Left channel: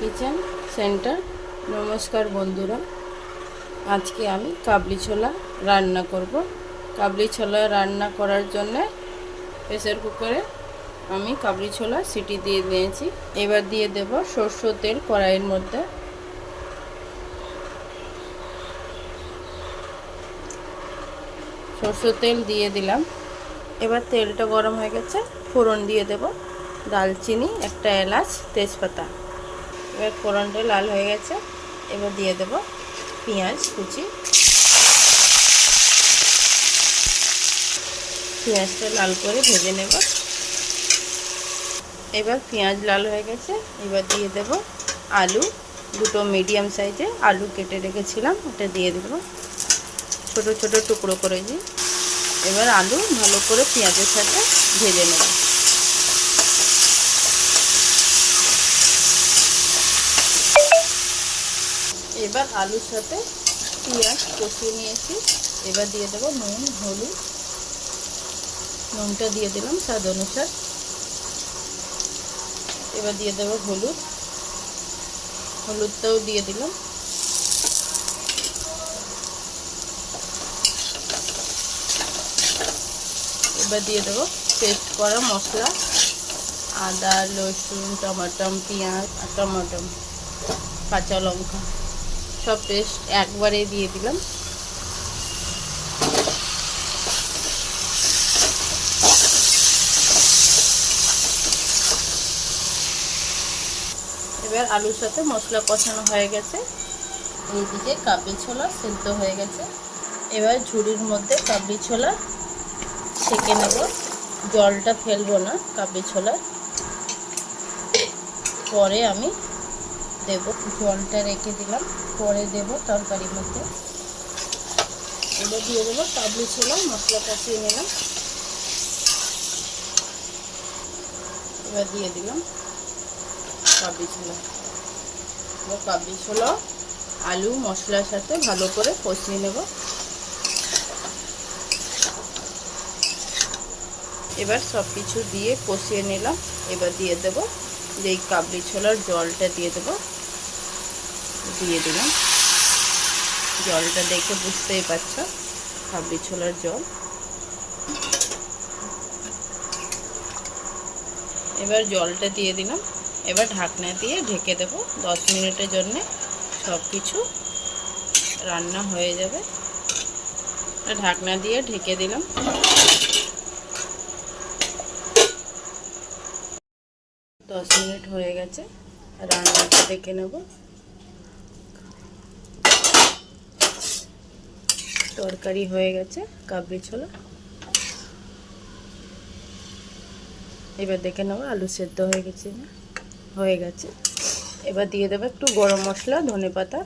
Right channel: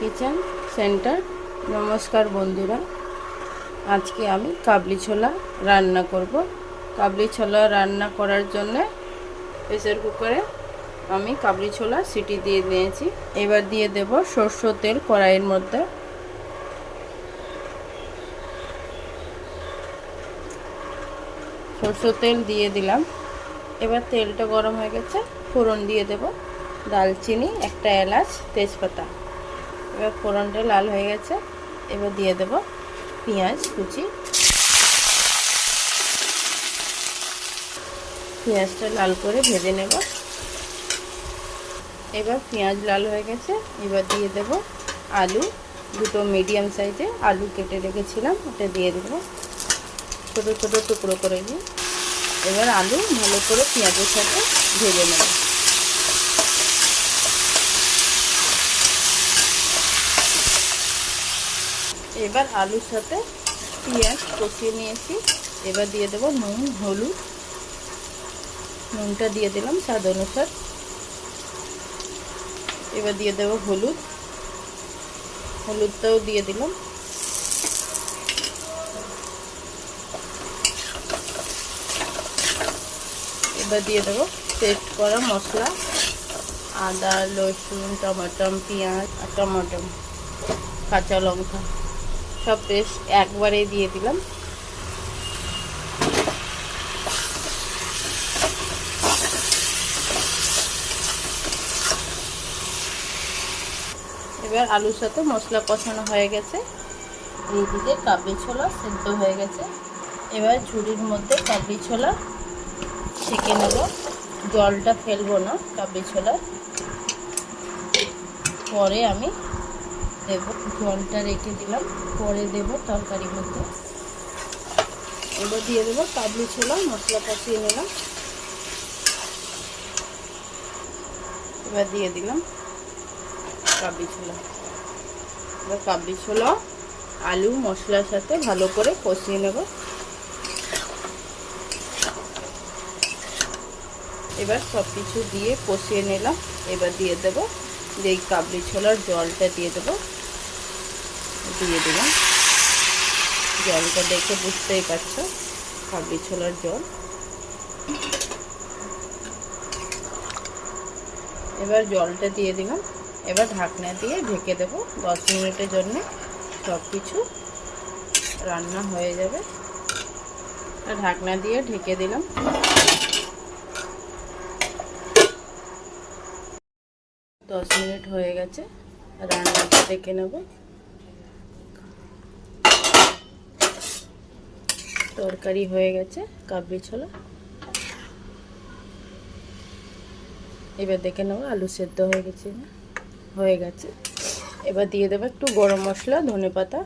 Kitchen centre. নমস্কার বন্ধুরা, আজকে আমি কাবলি ছোলা রান্না করব। কাবলি ছোলা রান্না করার জন্য প্রেসার কুকারে আমি কাবলি ছোলা সিটি দিয়ে নিয়েছি। এবার দিয়ে দেব সরষের তেল কড়াইয়ের মধ্যে। সরষের তেল দিয়ে দিলাম। এবার তেলটা গরম হয়ে গেছে, ফোড়ন দিয়ে দেব দালচিনি, একটা এলাচ, তেজপাতা। এবার ফোড়নটা লাল হয়ে গেছে, এবার দিয়ে দেব পেঁয়াজ কুচি। পেঁয়াজটা লাল করে ভেজে নেব। এবার পেঁয়াজ লাল হয়ে গেছে, এবার দিয়ে দেব আলু, দুটো মিডিয়াম সাইজে আলু কেটে রেখেছিলাম, ওটা দিয়ে দেব ছোট ছোট টুকরো করে দিই। এবার আলু ভালো করে পেঁয়াজের সাথে ভেজে নেব। এবার আলুর সাথে পেঁয়াজ কষিয়ে নিয়েছি, এবার দিয়ে দেবো নুন, হলুদ। নুনটা দিয়ে দিলাম স্বাদ অনুসার। এবার দিয়ে দেবো হলুদ, হলুদটাও দিয়ে দিলাম। এবার দিয়ে দেবো পেস্ট করা মশলা, আদা, রসুন, টমেটো, পেঁয়াজ আর টমেটো, কাঁচা লঙ্কা, সব পেস্ট একবারে দিয়ে দিলাম। এবার আলুর সাথে মশলা কষানো হয়ে গেছে, এইদিকে কাবলি ছোলা সেদ্ধ হয়ে গেছে। এবার ঝুড়ির মধ্যে কাবলি ছোলা ছেঁকে নেব, জলটা ফেলবো না কাবলি ছোলার। পরে আমি দেব, জলটা রেখে দিলাম, পরে দেব তরকারির মধ্যে। এবার দিয়ে দেবো কাবলি ছোলা, মশলা কষিয়ে নিলাম। এবার দিয়ে দিলাম কাবলি ছোলা। এবার কাবলি ছোলা আলু মশলার সাথে ভালো করে কষিয়ে নেব। এবার সব কিছু দিয়ে কষিয়ে নিলাম। এবার দিয়ে দেব যেই কাবলি ছোলার জলটা দিয়ে দেব, দিয়ে দিলাম। জলটা দেখে বুঝতেই পারছো কাবলি ছোলার জল। এবার জলটা দিয়ে দিলাম। এবার ঢাকনা দিয়ে ঢেকে দেব 10 মিনিটের জন্য। সব কিছু রান্না হয়ে যাবে। ঢাকনা দিয়ে ঢেকে দিলাম। 10 মিনিট হয়ে গেছে, রান্নাটা দেখে নেব। তরকারি হয়ে গেছে কাবলি ছোলা। এবার দেখে নেব আলু সেদ্ধ হয়ে গেছে না, হয়ে গেছে। এবার দিয়ে দেবো একটু গরম মশলা, ধনেপাতা।